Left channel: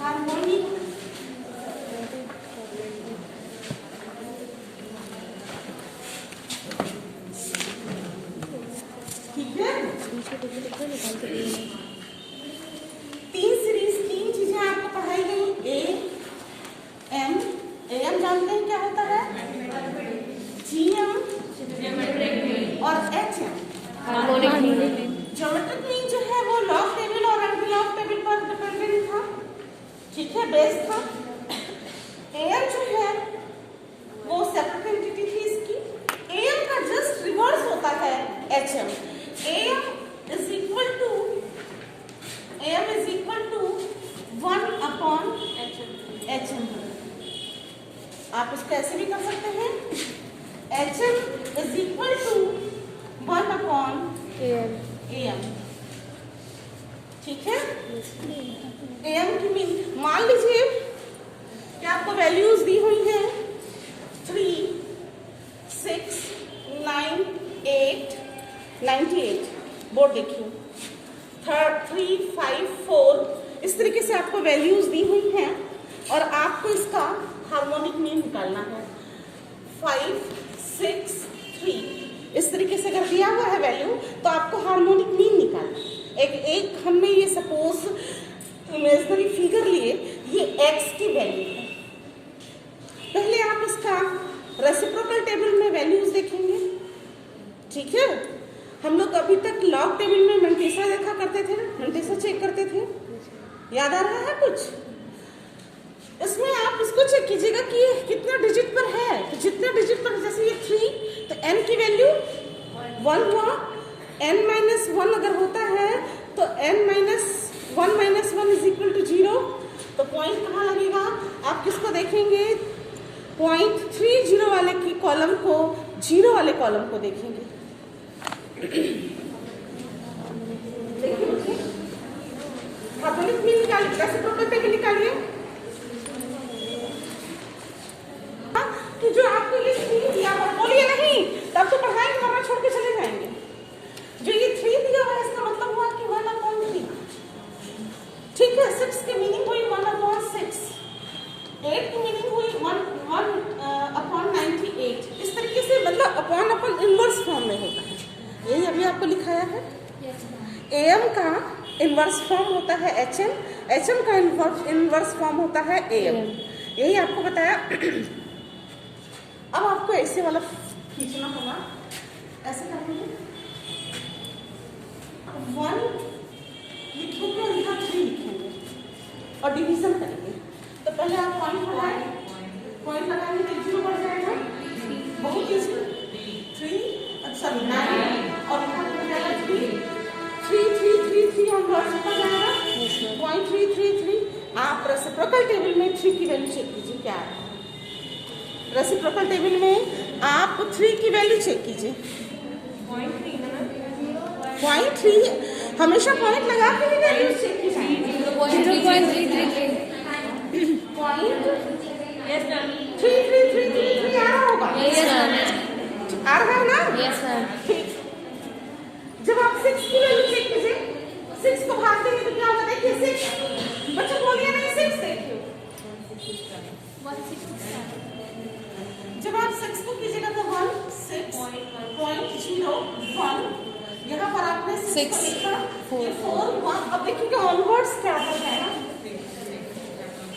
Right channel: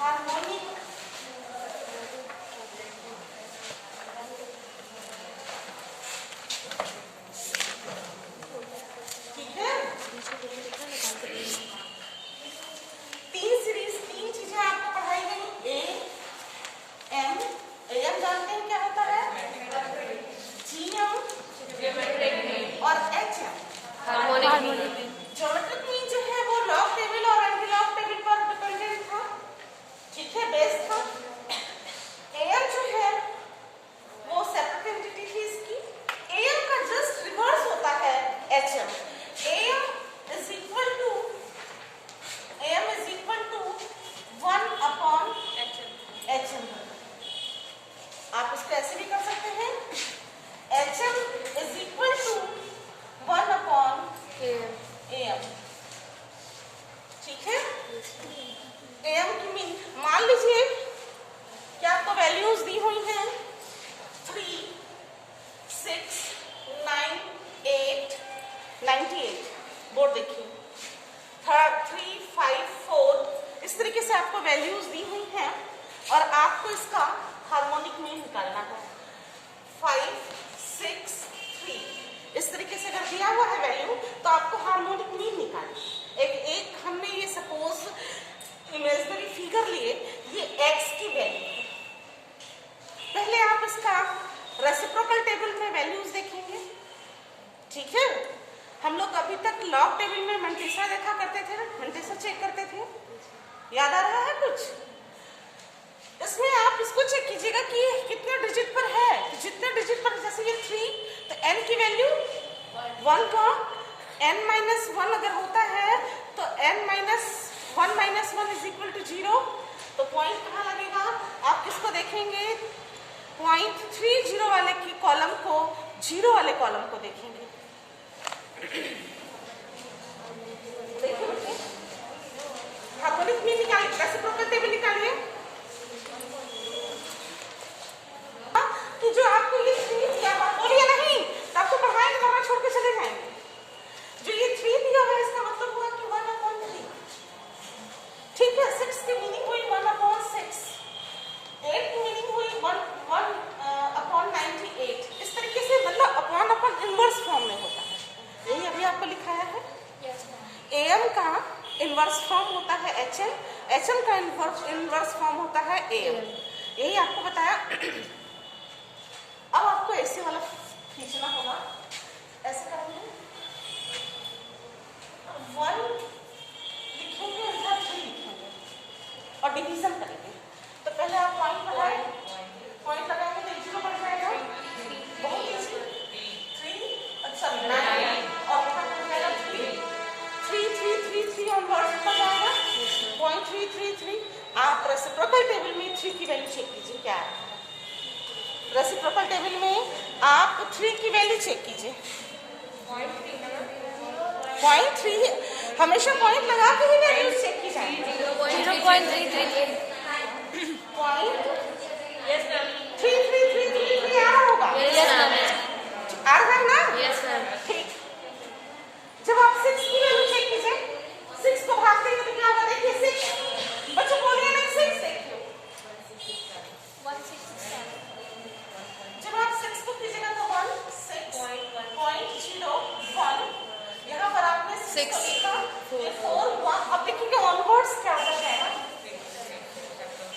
Harmonic तीन series, तीन चीजें आपको पढ़ाई गई। ए एम जानते हैं क्या होता है, जीएम और एचएम। ज्योमेट्रिक मीन जो है वो लॉग टेबल और एंटी लॉग टेबल पर डिपेंडेंट था, ठीक है, बेस था। एम जो है वो सेपरेट एंटिटी थी इसकी। एम का जस्ट रिवर्स होता है HM. M is equal to 1/HM। आप इसको ऐसे भी कर सकते हैं, HM is equal to 1/AM। ठीक है, AM की मीन मान लीजिए कि आपको वैल्यूज दी हुई हैं 3, 6, 9, 8, 98। बोर्ड देखिए, 3, 5, 4 इस तरीके से आपको वैल्यूज दी हुई हैं और आपको इसका हार्मोनिक मीन निकालना है। 5, 6, 3 इस तरीके से अगर दिया हुआ है वैल्यू तो आपको हार्मोनिक मीन निकालना है। एक हमने ये सपोज इमेजिनरी फिगर लिए, ये x की वैल्यू है। पहले आप इसका रेसिप्रोकल टेबल में वैल्यूज देखेंगे, ठीक है। हम लोग अभी तक लॉग टेबल में मंटेसा देखा करते थे, मंटेसा चेक करते थे, याद आ रहा है कुछ? इसमें आप इसको चेक कीजिएगा कि कितना डिजिट पर है। तो जितने डिजिट पर, जैसे ये 3 तो n की वैल्यू 1 हुआ। n-1 अगर होता है तो n-1 इज इक्वल टू 0। तो पॉइंट कहाँ लगेगा? आप किसको देखेंगे? पॉइंट 30 वाले की कॉलम को, 0 वाले कॉलम को देखेंगे। हार्मोनिक मीन निकालिए, रेसिप्रोकल टेबल निकालिए। कि जो आपको ये 3 दिया हुआ, बोलिए नहीं तब तो पढ़ाएंगे वरना छोड़ के चले जाएंगे। जो ये 3 दिया हुआ है इसका मतलब हुआ कि 1/3, ठीक है। 6 की मीनिंग हुई 1/6, 8 की मीनिंग हुई 1/98। इस तरीके से मतलब अपॉन इनवर्स फॉर्म में होता है। यही अभी आपको लिखाया है। एम का इनवर्स फॉर्म होता है एचएम, एचएम का इनवर्स फॉर्म होता है एम। यही आपको बताया। अब आपको ऐसे वाला खींचना होगा, ऐसे करेंगे, 1 लिखेंगे और इधर 3 लिखेंगे और डिवीजन करेंगे। तो पहले आप पॉइंट लगाएं, पॉइंट लगाएंगे तो 0 बढ़ जाएगा, बहुत इजी। 3 9 और यहाँ बढ़ जाएगा 3 और वर्स ऊपर जाएगा 0.333। आप रेसिप्रोकल टेबल में 3 की वैल्यू चेक कीजिए क्या है। रेसिप्रोकल टेबल में आप 3 की वैल्यू चेक कीजिए। 0.3 हमेशा पॉइंट लगा के ही वैल्यू चेक की जाएगी। 0.3333 आ रहा होगा, आ रहा है ना? Yes ma'am. ठीक। जब आप 6 की वैल्यू चेक कीजिए, 6 को भागते हुए कितना होगा देखिए, 6 बच्चों बोलिए नहीं, 6 देखिए, 166। जब आप 6 को कीजिएगा तो 16.01। यहाँ पर आपने 6 को लिखा, 4 1। अब देखिएगा ऑनवर्ड्स क्या आता है ना,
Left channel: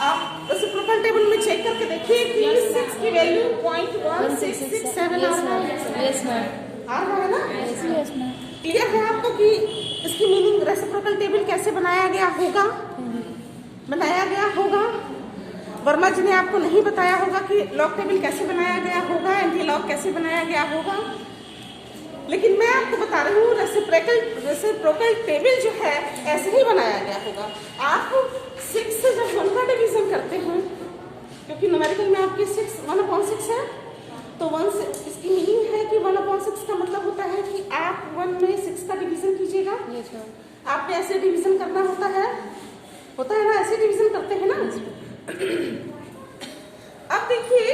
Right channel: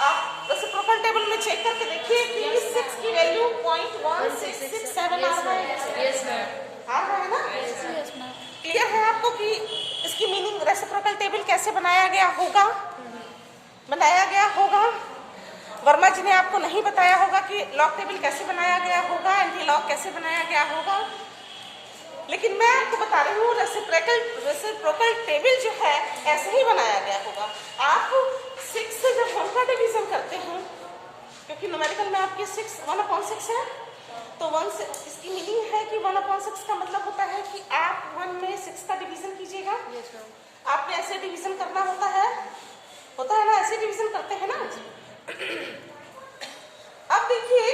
आप रेसिप्रोकल टेबल में चेक करके देखिए कि 6 की वैल्यू 0.1667 आ रहा है। Yes ma'am. आ रहा है ना? Yes ma'am. क्लियर है आपको कि इसकी मीनिंग रेसिप्रोकल टेबल कैसे बनाया गया होगा? वर्मा जी ने आपको नहीं बताया होगा कि लॉग टेबल कैसे बनाया गया होगा, एंटी लॉग कैसे बनाया गया होगा, लेकिन मैं आपको बता रही हूँ रेसिप्रोकल टेबल जो है ऐसे ही बनाया गया होगा। आप 6 से जब 1 का डिवीजन करते हैं, क्योंकि न्यूमेरिकल में आपकी 1/6 है, तो 1 से इसकी मीनिंग है कि 1/6 का मतलब होता है कि आप 1 में 6 का डिवीजन कीजिएगा। आपने ऐसे डिवीजन करना होता है ना, ऐसे डिवीजन करते हैं ना। अब देखिए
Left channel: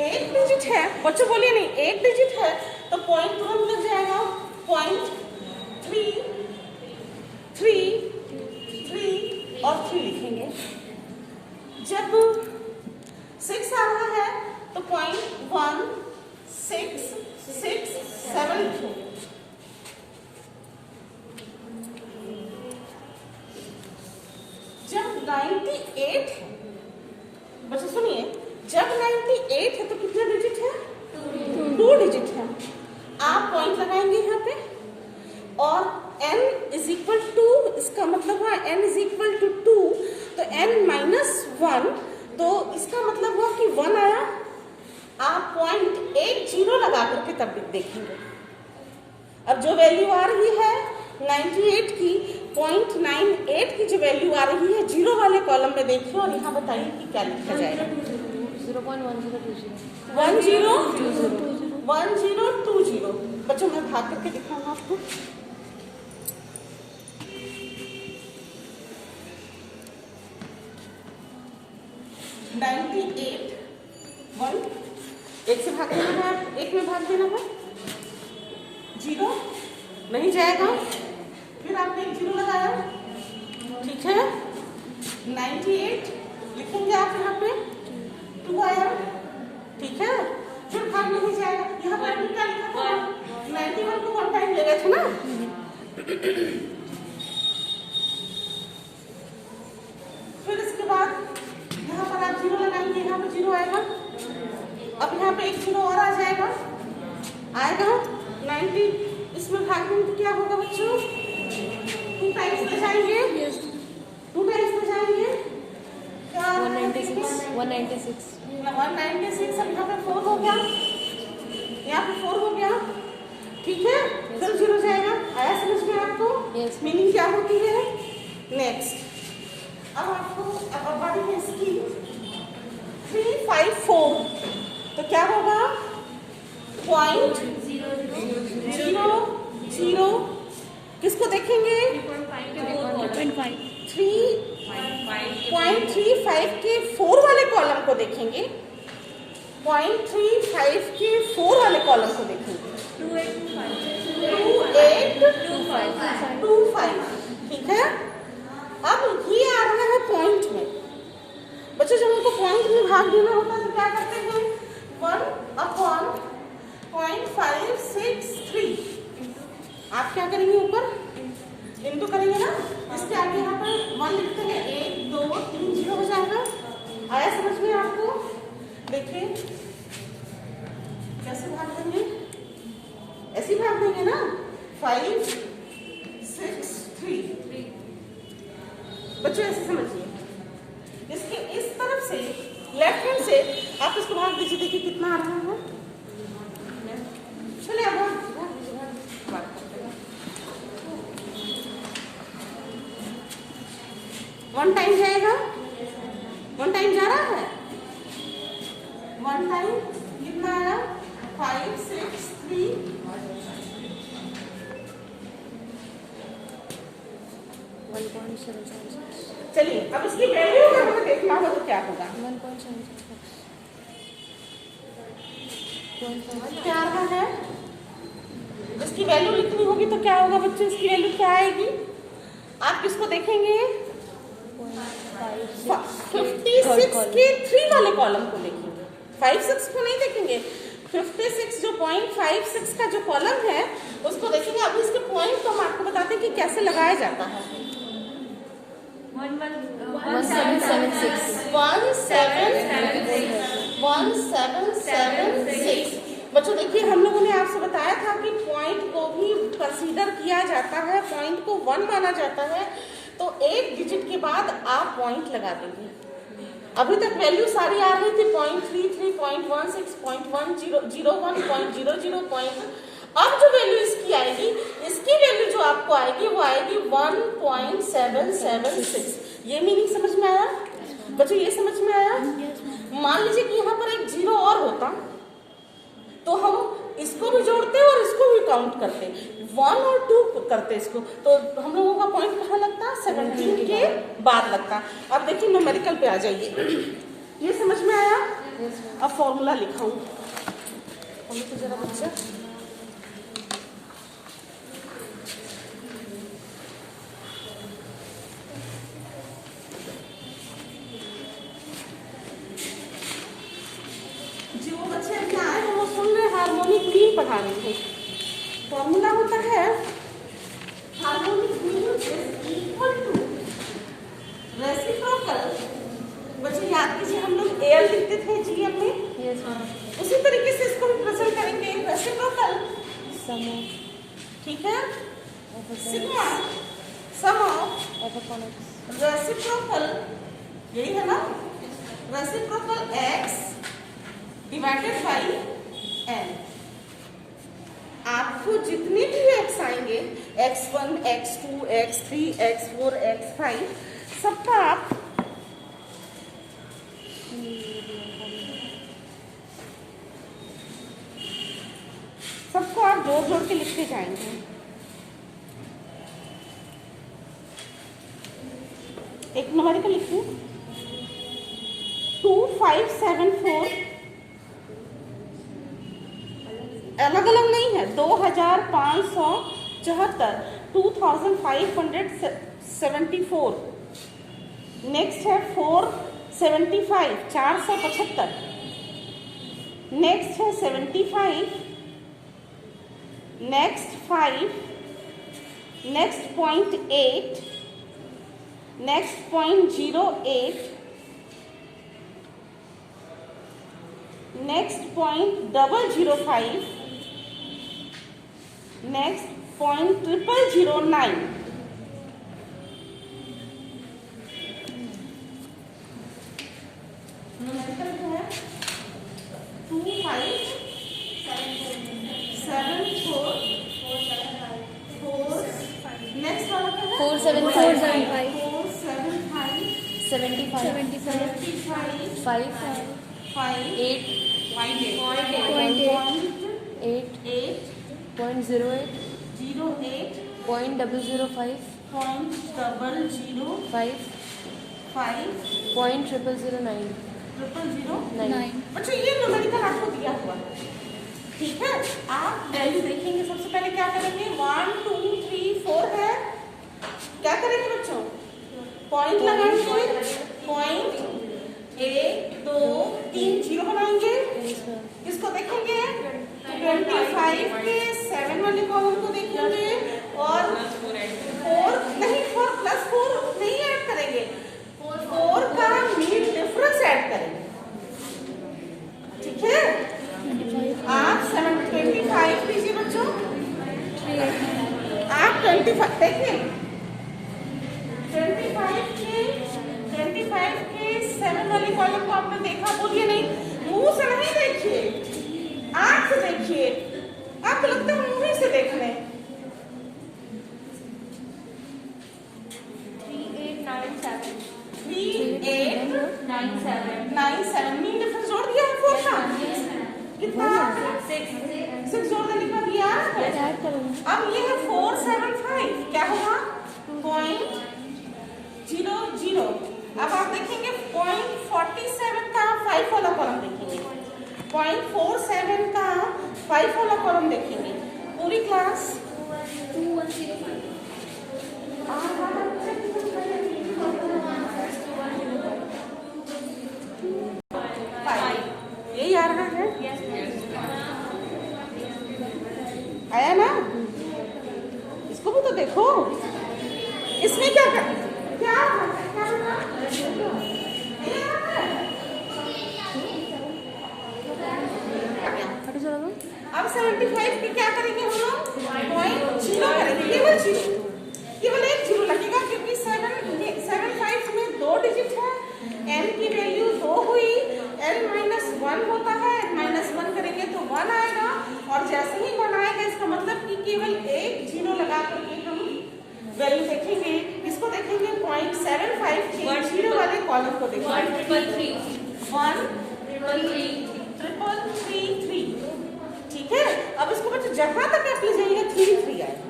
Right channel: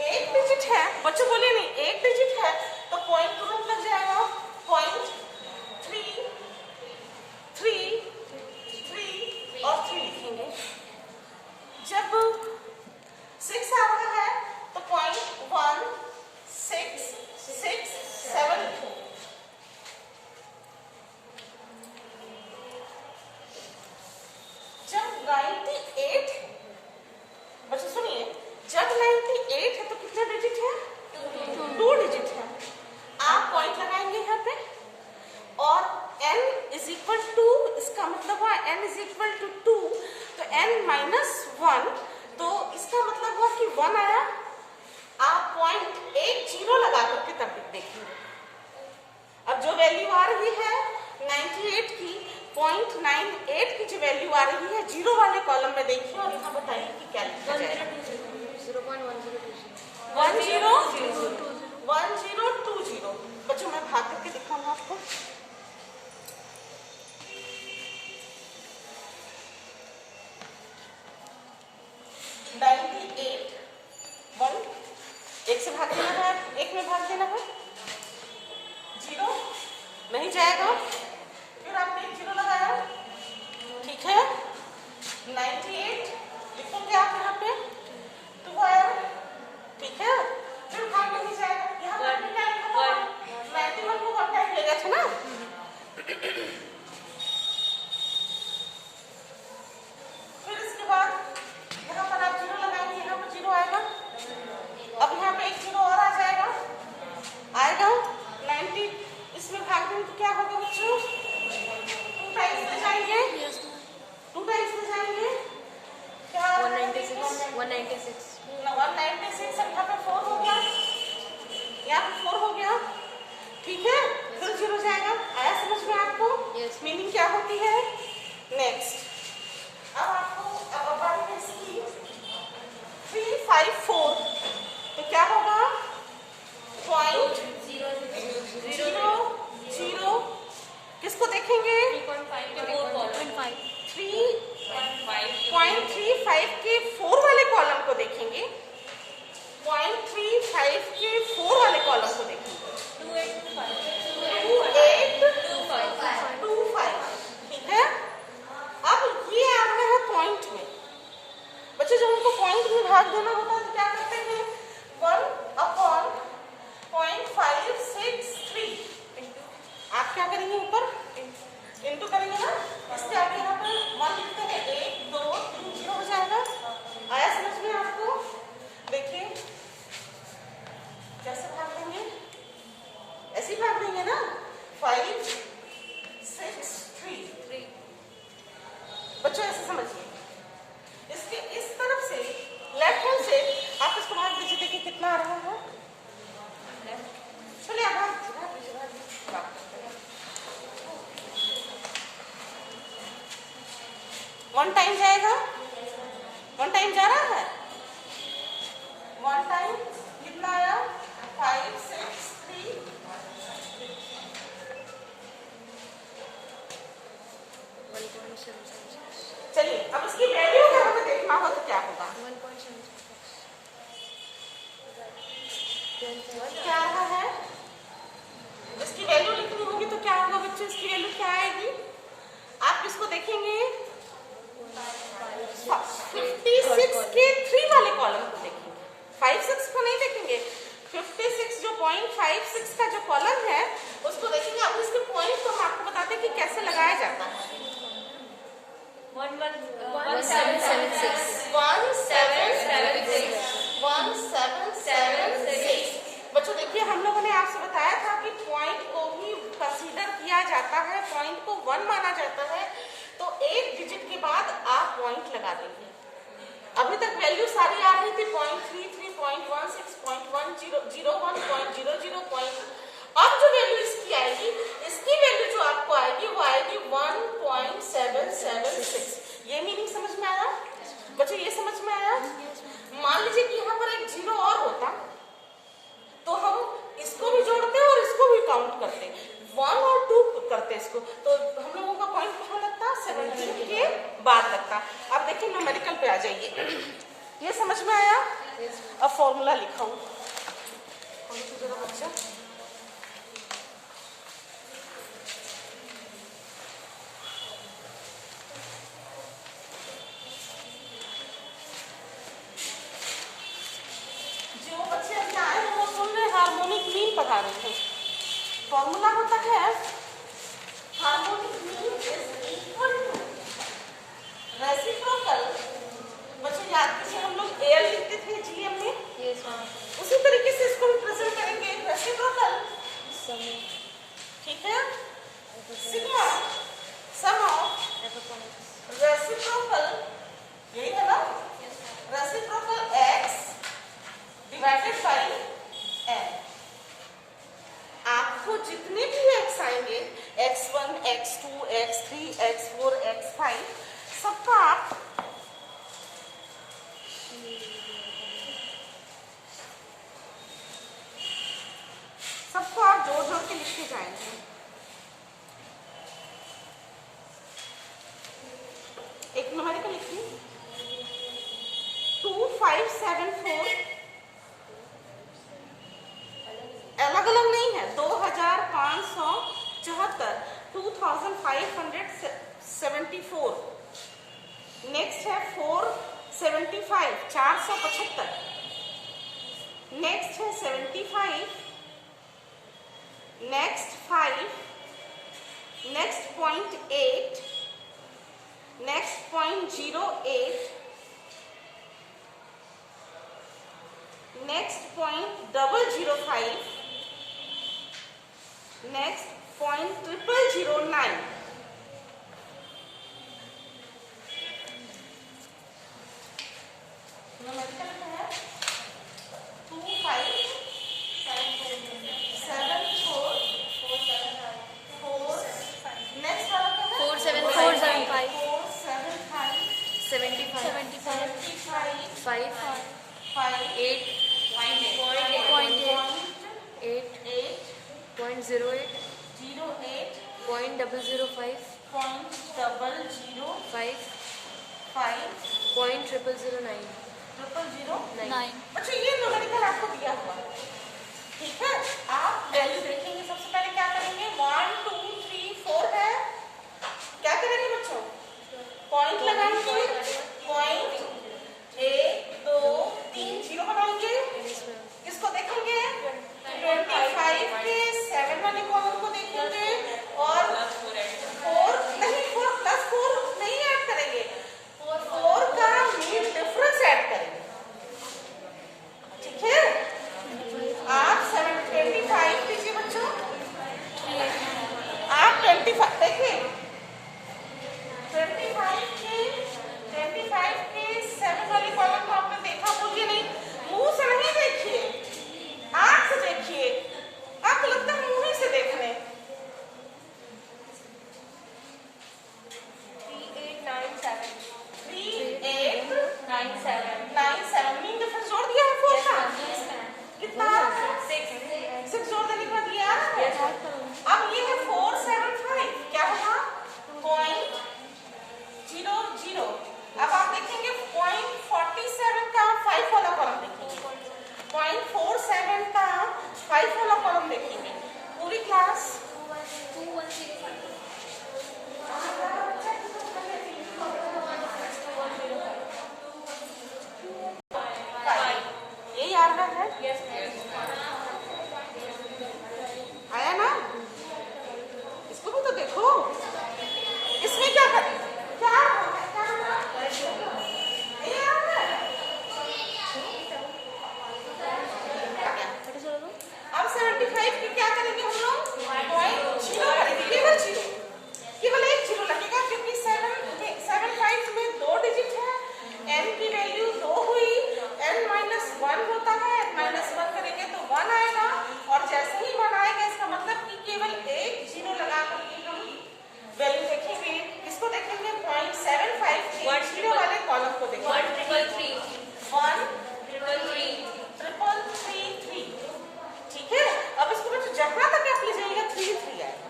1 डिजिट है, बच्चों बोलिए नहीं, 1 डिजिट है तो पॉइंट तुरंत लग जाएगा, 0.3 3 3 और 3 लिखेंगे। 98 है। बच्चे सुनिए, जब 98 है तो कितने डिजिट है? 2 डिजिट है। आप पॉइंट लगाएंगे यहाँ पे और n इज इक्वल टू, इसका मतलब हुआ n इज इक्वल टू 2, तो n माइनस 1, तो इसका मतलब हुआ कि 1 आया। आप 0.80 लगा करके तब देखेंगे। अब जो वैल्यू आ रही है 98 की, 0.98 की जो वैल्यू आ रही है जीरो वाले कॉलम में देखिए और यहाँ बताइए कि क्या लिखा जाएगा। 1020। बच्चों मैं भाग करके दिखाऊंगा आपको। एक से भाग देना है, एक में भाग देना है, 0 नहीं जाएगा, फिर आपने 0 लगाया, ठीक है। 98 लिखेंगे आप यहाँ पे, 2 आया, ठीक है, फिर भाग नहीं जाएगा। यहाँ पर आपने क्या लिखा था? 91 को 1 टाइम लेगा था ना। फिर इसके बाद यहाँ पर आप 0 लगाएंगे, यहाँ पर 0 आएगा। अब यहाँ पे एक 0 और आ जाएगा, 90 इसमें भाग देंगे तो क्या होगा बच्चों? 2 टाइम्स ले जाएंगे, 2 टाइम्स ले जाएंगे, 196। अब यहाँ पे 4 हो गया, यहाँ पे 4 हो गया, ठीक है। फिर 0 जाएगा। आया समझ में आपको? मीनिंग क्या होती है? नेक्स्ट अब आपको अब बारी है इसकी 354, तो क्या होगा? 0.00 किसको देखेंगे? 3.35 के 4 वाले कॉलम को देखेंगे, 0.35 के 4 वाले कॉलम को देखेंगे, 2825, ठीक है। अब ये आ रहा है पॉइंट में। बच्चों जब हमको पॉइंट में भाग देना होता है तो क्या करते हैं? 1/0.563 आप क्या करेंगे? ऊपर इंटू करेंगे ना, इसके आगे यहाँ पर 1 लिखते हैं, 1 2 3 0 हो जाएगा। आया समझ में आपको? देखिए कैसे भाग देंगे, ऐसे भाग देंगे ना, 563। बच्चों ऐसे समझिए, इसके इस तरफ से लेफ्ट हैंड से आप इसको भाग दीजिए, देखिए कितना आ रहा है। चलिए अब भाग 1 टाइम जाएगा, 1 टाइम जा रहा है, 1 टाइम कितना आया? 563। चलिए अब इसकी वैल्यू अगर हमें देखना होगा तो क्या होगा? 1.7 क्या आ रहा है? इसकी वैल्यू लिखनी होगी तो क्या होगा बच्चों? इसकी वैल्यू क्या आएगी? आप किसको देखेंगे? 56 के 3 वाले कॉलम को देखेंगे, 56 को नहीं देखेंगे। 56 जो 0.56 का जो कॉलम है उसको देखेंगे। अब इसके पॉइंट तो हम आपको बताते हैं कि कैसे लगाया जाता है। 1776। बच्चों देखिए हम लोगों ने आपसे बताया था कि पॉइंट को भी कंसीडर किया जाता है, पॉइंट को 1 माना जाता है, तो एक डिजिट के बाद आप पॉइंट लगा देंगे। अभी तक वैल्यू सारी आ रही थी 0.33, 0.16, 0.101, 0.00 अब जो वैल्यू इसकी आएगी, इसकी वैल्यू जो आपको आएगी वो आएगी 1.776। ये मीनिंग समझ में आया बच्चों? ये समझ में आया? मान लीजिए कि यहाँ पर एक 0 और होता तो हम इसको भी जोड़ते और इसको भी काउंट करते, 1 और 2 करते इसको, तो हम लोगों का पॉइंट कहाँ लगता? 17 के बाद लगता। अब देखिए न्यूमेरिकल पे आ जाइए। ये समझ में आया? अब फॉर्मूला लिखाऊं तो जरा बच्चा, जो बच्चे अभी आए हैं वो सुन रहे हार्मोनिक मीन पढ़ा रहे हैं। फॉर्मूला होता है harmonic mean is equal to reciprocal, बच्चे याद कीजिए हम लोग एल लिखते थे जीएम में, यस मैम। उसी तरीके से इसको रिप्रेजेंट करेंगे रेसिप्रोकल, सम ठीक है, sigma sum of F upon X. Reciprocal, यही है ना, reciprocal x divided by n। आपको जितने भी x आएंगे, x1, x2, x3, x4, x5, सबका आप जोड़ जोड़ के लिखते जाएंगे। एक न्यूमेरिकल लिखिए 2574, अलग अलग नहीं है, 2574, 2574। नेक्स्ट है 475, 475। नेक्स्ट है 75, next 5, next 0.8, next 0.08, next 0.005, next 0.0009। Number है 2574 4। नेक्स्ट वाला क्या है 475 475 75 5 5 8 0.08 0.005 0.009 अच्छा ये न्यूमेरिकल आपको दिया हुआ है, ठीक है। आप वैल्यू देखेंगे, सबसे पहले क्या करेंगे, 1 2 3 4 है, क्या करेंगे बच्चों, पॉइंट लगाएंगे, पॉइंट 1 2 3 0 बनाएंगे। इसको देखेंगे 25 के 7 वाले कॉलम को देखेंगे और 4 नहीं 4 प्लस 4 नहीं ऐड करेंगे, 4 का मीन डिफरेंस ऐड करेंगे, ठीक है। आप 725 लीजिए बच्चों, आप 25 देखिए 25 के 7 वाली कॉलम को आपने देखा, बोलिए नहीं, मुंह से नहीं देखिए, आंख से देखिए, आपको लगता है मुंह से देख रहे हैं। 3897 मीन डिफरेंस जोड़ दिया है 4 का, कितना 6 जोड़ देने के बाद ये आ रहा है। अब ये है 475, क्या होगा 0.00। अब आप देखेंगे 0.47 का 5 वाला कॉलम देखेंगे, 0.47 का 5 वाला कॉलम देखेंगे, पूरी क्लास 2105 यही आ रहा है, आया ना, इसको भी तो देखो, इसमें क्या कर क्या अब 75 की क्या करेंगे हम लोग, 0 करेंगे, केवल एक 0 लगेगा, क्योंकि 75 में 2 डिजिट है, n की वैल्यू 2 हुई, n -1 होता है, -1 करेंगे तो 1 आएगा, और जैसे ही 1 आएगा इसका मतलब कि केवल एक 0 लगा करके हम वैल्यू देखेंगे। इसको देखेंगे 0.75 के 0 वाले कॉलम को देखेंगे, 13333, ठीक है। अब इसको बच्चों जहां तक आप ले जाएंगे 3 आएगा,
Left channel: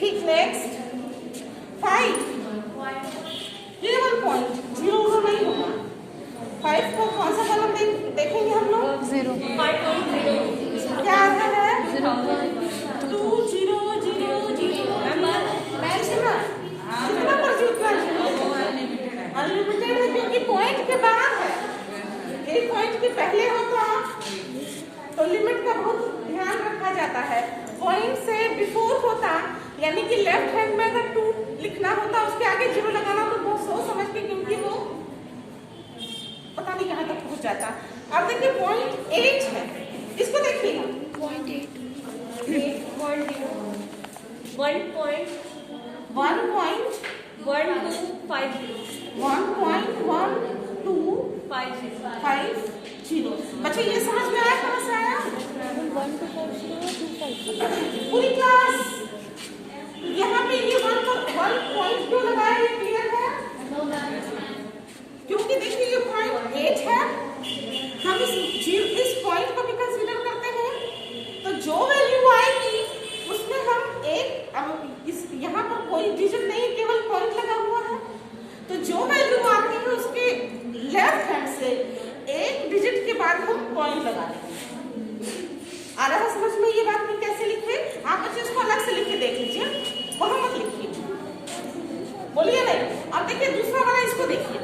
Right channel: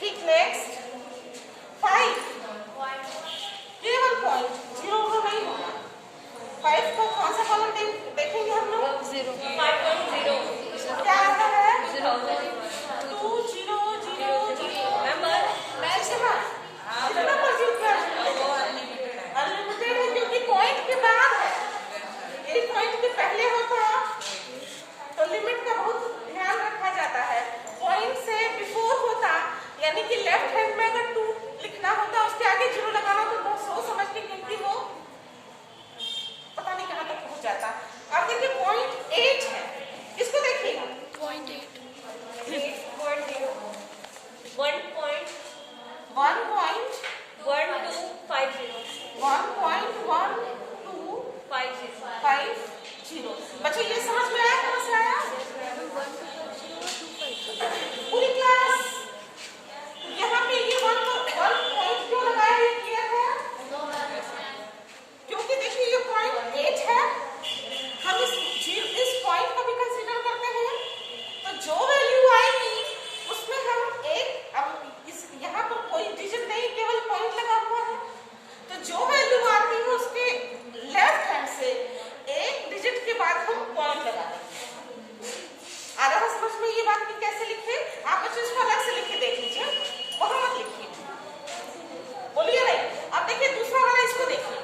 ठीक। नेक्स्ट 5, केवल पॉइंट 0 नहीं होगा, 5 को कौन सा कॉलम देखेंगे हम लोग, 0 क्या आता है 0.2000 अनलिमिटेड है, क्योंकि पॉइंट के बाद है, यही पॉइंट के पहले होता तो लिमिट का बहुत ध्यान रखा जाता है, पॉइंट से बिफोर होता यानी कि लेफ्ट हैंड में अगर 2 लिखना होता उसके आगे 0 लगाना तो बहुत सोच समझ के, क्योंकि वो पता नहीं कहाँ तक पहुंच जाता। अब देखिए पॉइंट 8 है, इसको देखिएगा। पॉइंट 8 1.1250। बच्चे ये समझ में आया, कहाँ से आया? 1 2 5 0 2 5 0। पूरी क्लास यहाँ पे ये 1 पॉइंट क्यों लगाया, ये क्लियर है? क्योंकि देखिए ये पॉइंट 8 है, हम इस पॉइंट को भी कंसीडर करते हैं, तो जो वैल्यू आएगी उसमें हम एक, अब इस यहाँ पर कोई डिजिट नहीं, केवल पॉइंट लगा हुआ है, तो जो वैल्यू आती है उसके लेफ्ट हैंड से एक डिजिट के बाद हम पॉइंट लगा देंगे। आ रहा है समझ में ये बात कि कैसे लिखे? आप बच्चे इसको अलग से लिख के देख लीजिए, वहां मत लिखिए, बोलिए नहीं। अब देखिए दूसरा वाला, इसको देखिए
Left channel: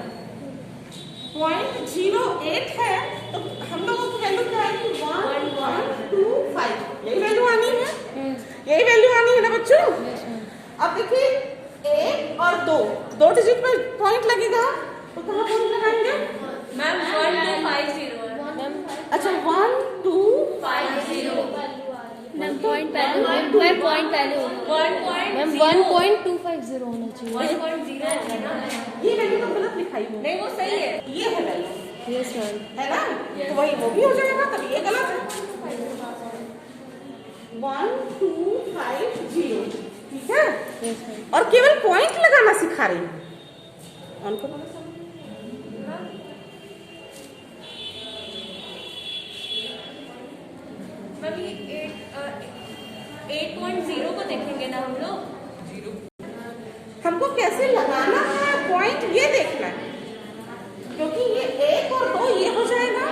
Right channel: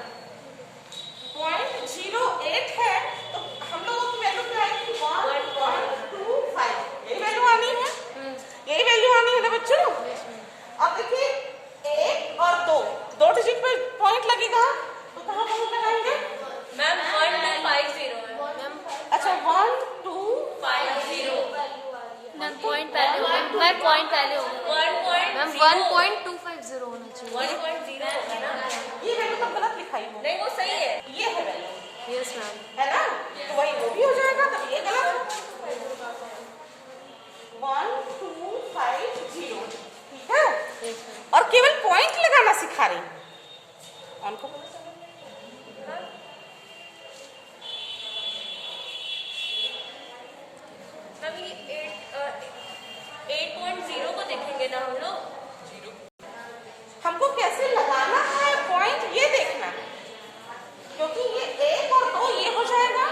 0.08 है, तो हम लोगों की वैल्यू क्या आएगी? 1.25। यही वैल्यू आनी है, यही वैल्यू आनी है ना बच्चों? अब देखिए 1 और 2 डिजिट पर पॉइंट लगेगा, तो कहाँ पॉइंट लगाएंगे मैम? 1250 है मैम। अच्छा 1250 मैम पॉइंट पहले होगा, मैम पॉइंट पहले होगा मैम। 1.250 होना चाहिए। 1.0 ये वैल्यू तो गलत लिखाई है। नहीं वो सही है, ये है वैल्यू, यस मैम। है ना? तो वही वो भी हो जाएगा, तब ये गलत है। 1250, ठीक है? Yes ma'am. और केवल पॉइंट लगाना सिखा रही हूँ, उनको पता चला। मैम ये 8.0 को देखेंगे ना हम लोग? हमको कैसे लगाना है पॉइंट ये देखना है, क्योंकि ये 1 और 2 ये हो जाएगा।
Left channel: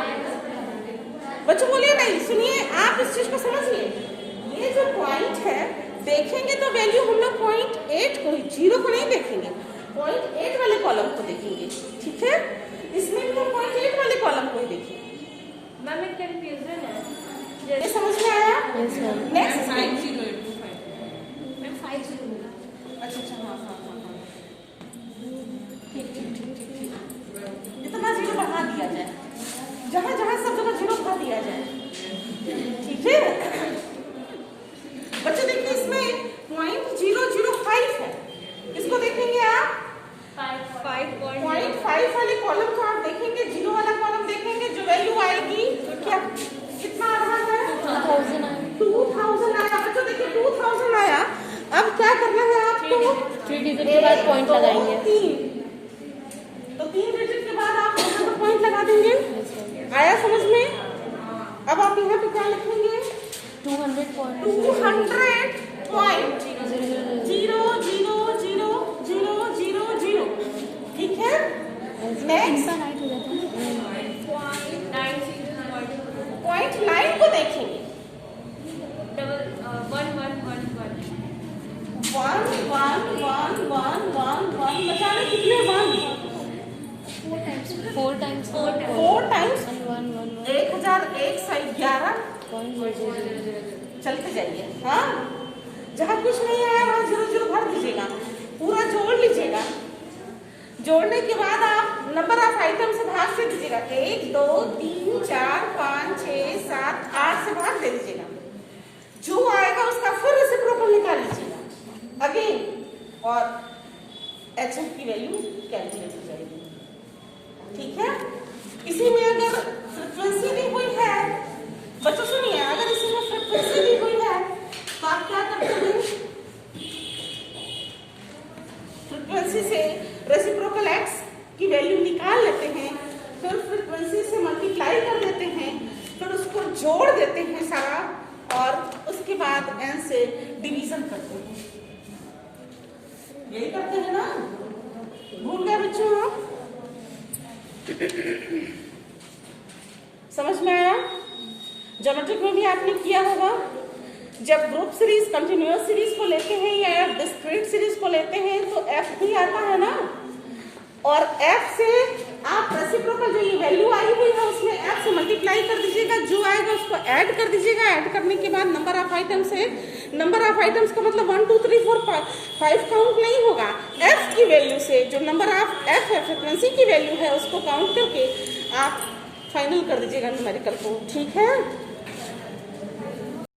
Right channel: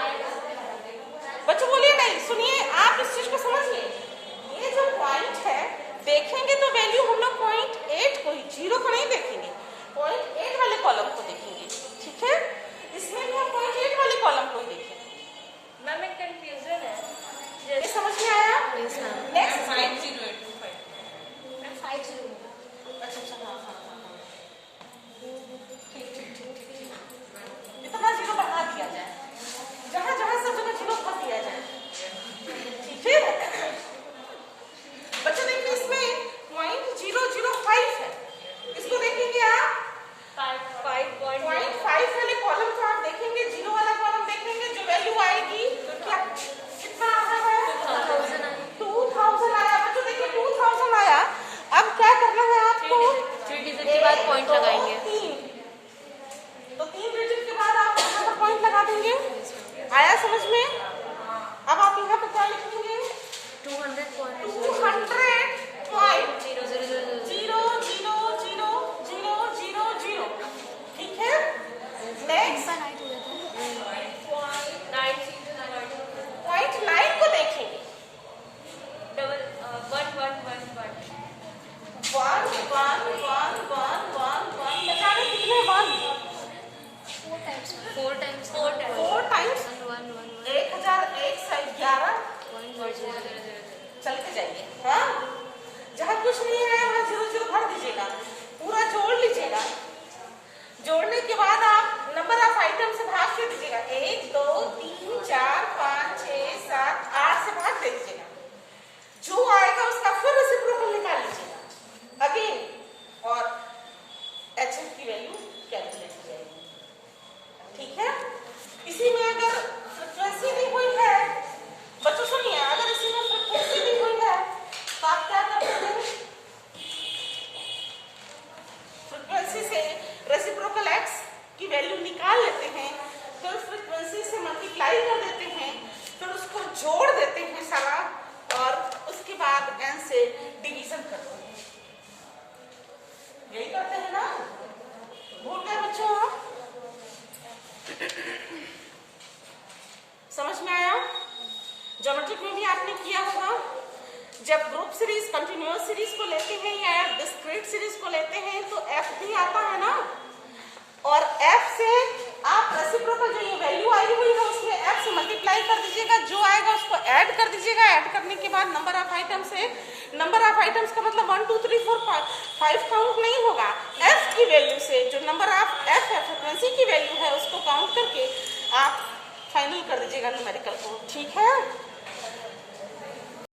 बच्चों बोलिए नहीं, सुनिए आप इस चीज को समझिए। ये जो पॉइंट है देखेंगे तो वैल्यू हम लोग 0.8 को, 0 को नहीं देखेंगे, 0.8 वाले कॉलम को देखेंगे, ठीक है? इसमें भी हम 0.8 वाले कॉलम को ही देखेंगे। मैम एक कंफ्यूजन है, ये समझ में आया? Yes ma'am. Next 5025 ma'am 50। अच्छा हाँ, ठीक। इतना 0 बढ़ा दिया जाए, जहाँ सब जगह 0 बढ़ा दिया जाए, ठीक है? बच्चों देखिए इसमें 0.005 है, इसको देखेंगे आप 5.5 वाले कॉलम को आप देखेंगे, 0 वाला कॉलम देखेंगे, जो वैल्यू आएगी क्या, कितना आ रहा है? 2000 आया। बच्चों देखिए 2000 आया। अब क्या करना है आपको? 3 डिजिट के बाद पॉइंट लगाएंगे, 3 तो 3 डिजिट के बाद आप यहाँ पर पॉइंट लगा देंगे। आया समझ में? अब आप यहाँ पे क्या लिखेंगे? 200 पॉइंट 200.00000, ठीक है? नेक्स्ट पॉइंट 9 को देखेंगे। 1 बचाने कितने 1? 4 टाइम्स 1001 चल के जाइए। हाँ, जहाँ कुछ नहीं आया वहाँ 0 भर दीजिएगा, पूरा जोड़ लीजिएगा। जोड़ने के बाद आप नंबर ऑफ आइटम से भाग से दीजिएगा, 1 2 3 4 5 6 7 8 से भाग दे दीजिएगा। जो आएगा उसका फिर रेसिप्रोकल निकाल लीजिएगा अगेन, और HF की वैल्यू कैलकुलेट हो जाएगी, ठीक है? इसी में अगर फ्रिक्वेंसी दी हुई है, बच्चों सुनिए, अगर इसी में फ्रिक्वेंसी दी हुई है तो आप क्या करते हैं? फ्रिक्वेंसी से रेसिप्रोकल x की वैल्यू निकाल लेते हैं, फिर फ्रिक्वेंसी से मल्टीप्लाई कर देते हैं, फिर उसको जोड़ देते हैं सारा, और उसके बाद n से डिवीजन करते हैं। यही करते हैं ना? भूल गए बच्चों आप? समझ में आया? ज्योमेट्रिक में भी आपने किया होगा, जब ग्रुप सीरीज, कंटिन्यूअस सीरीज को लेते हैं या डिस्क्रीट सीरीज को लेते हैं तो f भी आता है ना, और f से आप रेसिप्रोकल जो ये वैल्यू आई हुई है उसमें f से मल्टीप्लाई कर दीजिएगा, जो आएगा उसको ऐड कर दीजिएगा, ऐड करने के बाद नंबर ऑफ आइटम से नंबर ऑफ आइटम्स का मतलब 1 2 3 4 5 काउंट नहीं होगा। एफ की वैल्यू से जो नंबर ऑफ एफ है, फ्रिक्वेंसी की वैल्यू है, उसको काउंट करके आप फाइनल कर दीजिएगा न्यूमेरिकल को। ठीक है।